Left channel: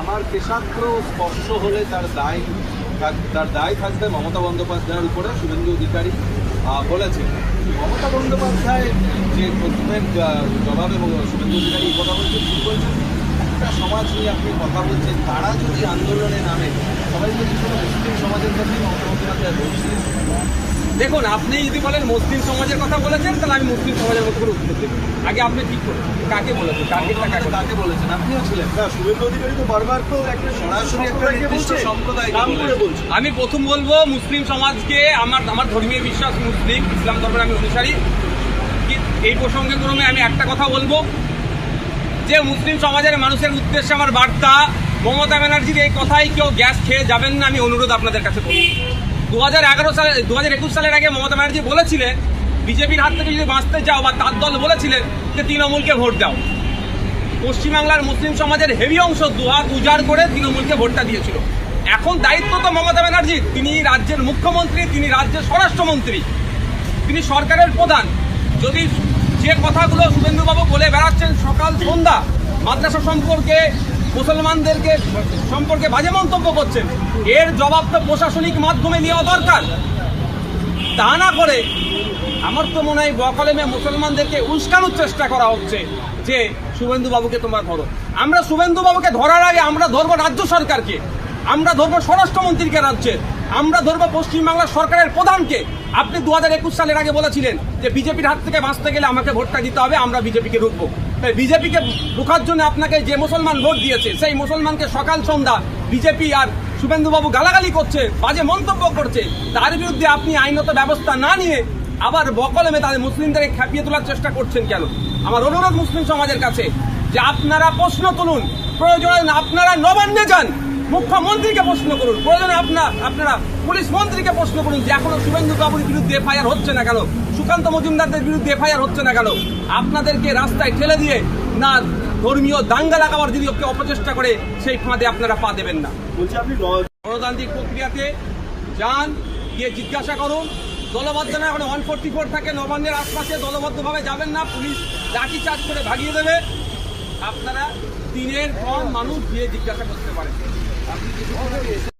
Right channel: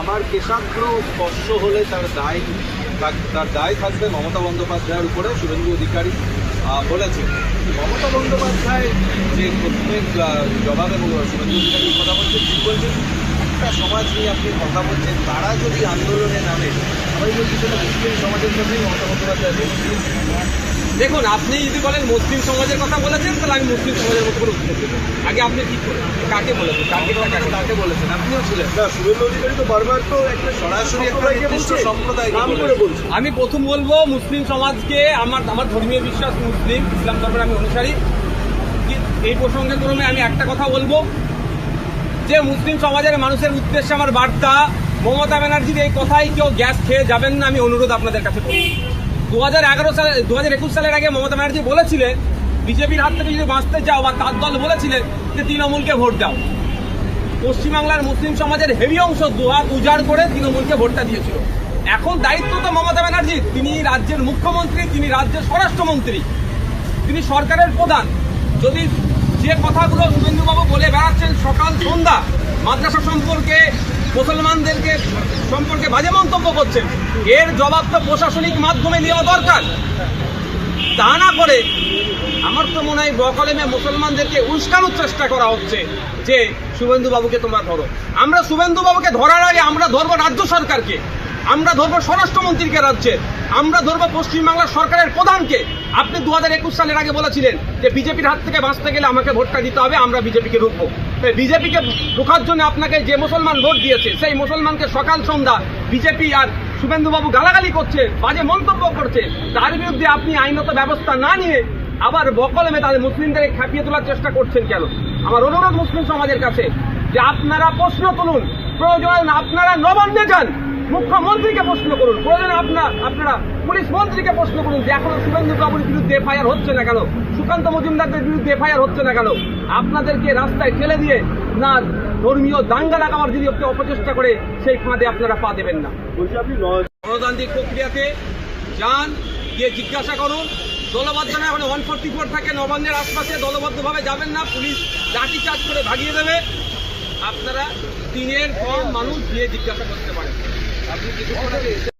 আমার কেশাগ্র স্পর্শ হলে তার দায় তার দায় থাকবে মমতা বন্দ্যোপাধ্যায়ের উপরে, শুভেন্দু অধিকারী বলেছেন। মমতা বন্দ্যোপাধ্যায় যে প্রশ্নের জবাব এবং শুভেন্দু অধিকারী কথা বলছেন, ঠিক বলছেন। একটা সমাজ নিয়ে আপনি কথা বলছেন, তারা যদি আন্দোলনে নামে, সবাই যদি সমাজের কথাই মমতা বন্দ্যোপাধ্যায় বলছেন দেখুন আপনি যদি বলেন মুসলিম সমাজের কথা বলেছেন তাহলে আমি মুসলিম সমাজের মতো করে উত্তর দেবো। আগে আপনি ঠিক করেন? কাকে বলেছেন? কাকে কাকে তাকে বলেছেন? আপনিও ছিলেন। শুভেন্দু অধিকারী তো বারবার তো একটা সরাসরি একটা নির্দিষ্ট সম্প্রদায় নাম করে বলছেন আমি প্রথম বলব মুসলিম সমাজকে আমার আমার ধর্মীয় বিশ্বাস মুসলিম ইসলাম ধর্মের আমি অনুসারী। এই প্রসঙ্গে ক্রমে আমি একটা কথা বলব যে মুসলিম সমাজের মানুষের উদ্দেশ্যে আমার বার্তা মমতা ব্যানার্জির এই কথাই কেউ গ্যাস খেয়ে যাবেন না আমি অনুরোধ আপনাদের কাছে করব দু হাজার এগারো সালে দু হাজার একুশ সালের আগে মমতা ব্যানার্জি বলেছিলেন, বিজেপির হাত থেকে যদি বাঁচতে চাও বা তার দল বলেছিলেন যে তৃণমূলকে ভোট দাও। পশ্চিমবাংলার মুসলিম সমাজের হেভি অংশ দুহাত উজাড় করে তৃণমূলকে ভোটটা দিয়েছিল। এখন দায়িত্ব তো মমতা ব্যানার্জির তিনি রাজ্যের মুখ্যমন্ত্রী, তিনি রাজ্যের স্বরাষ্ট্রমন্ত্রী, তিনি সরকারের প্রধান। যদি যে কথাগুলো শুভেন্দুবাবু বলে বেড়াচ্ছেন সকাল সন্ধ্যা মাদ্রাসা সম্পর্কে মুসলমানদেরকে সম্পর্কে বাজে মন্তব্য করছেন। এর জবাব তো প্রশাসনিক মাধ্যমে নেওয়া দরকার। তা না করে আমার তো মনে হয় বকলেমে মুসলমানদেরকে উস্কানোর চেষ্টা করা হচ্ছে যে, শুভেন্দুবাবুকে তোমরা ধরো। আমরা শুভেন্দুবাবুকে ধরার আগে আমরা ধরবো রাজ্য সরকারকে। আমরা ধরবো স্বরাষ্ট্রমন্ত্রীকে রাজ্যের আমরা ধরবো পশ্চিমবাংলার সরকারের প্রধানকে। আপনি দু হাজার একুশ সালের আগে বলেছিলেন যে বিজেপির হাত থেকে বাঁচতে গেলে আমাকে ভোটটা দিতে হবে, আমরা বিজেপিকে রুখবো বিজেপিকে রুখার জন্য আপনাকে যে মুসলমান ভোট দিয়েছে, সেই মুসলমানকে সকাল সন্ধ্যা বিজেপি আর শুভেন্দুবাবু গালাগালি করছে, বাজে মন্তব্য করছে, তার বিরুদ্ধে আপনি আইনত ব্যবস্থা না নিয়ে আবার বকলমে তাদের মুসলিমদের খেপিয়ে তোলার চেষ্টা করছেন কেন? আমার অনুরোধ মুসলিম সমাজের কাছে যে আপনারা প্রশ্ন তুলুন, প্রয়োজনে আপনারা নবান্নে যান। মুখ্যমন্ত্রীকে প্রশ্ন করুন। প্রয়োজনে আপনার আপনারা পুলিশ মন্ত্রীকে প্রশ্ন করুন যে এখনও শুভেন্দু বাবুর বিরুদ্ধে এফআইআর হচ্ছে না কেন? সুকান্ত মজুমদারদের বিরুদ্ধে এফআইআর হচ্ছে না কেন? আপনাদেরকে রাস্তায় ঠেলে দিয়ে না ধর্মীয় দাঙ্গা লাগাবার যদি ওকে অপচেষ্টা করে সেই ফাঁদে আপনারা পা দেবেন না। গণতান্ত্রিক প্রক্রিয়াতে যান গিয়ে জিজ্ঞাসা করুন। দলবদ্ধ না এখন ওয়ান ফোর্টি ফোর থাকে নবান্নের আশপাশে দলবদ্ধভাবে যাবেন না। পুলিশ লাঠি চার্জ করে ভাগিয়ে দেবে। আপনারা দিনের কম মানুষ গিয়ে জিজ্ঞাসা করতে পারেন। আপনি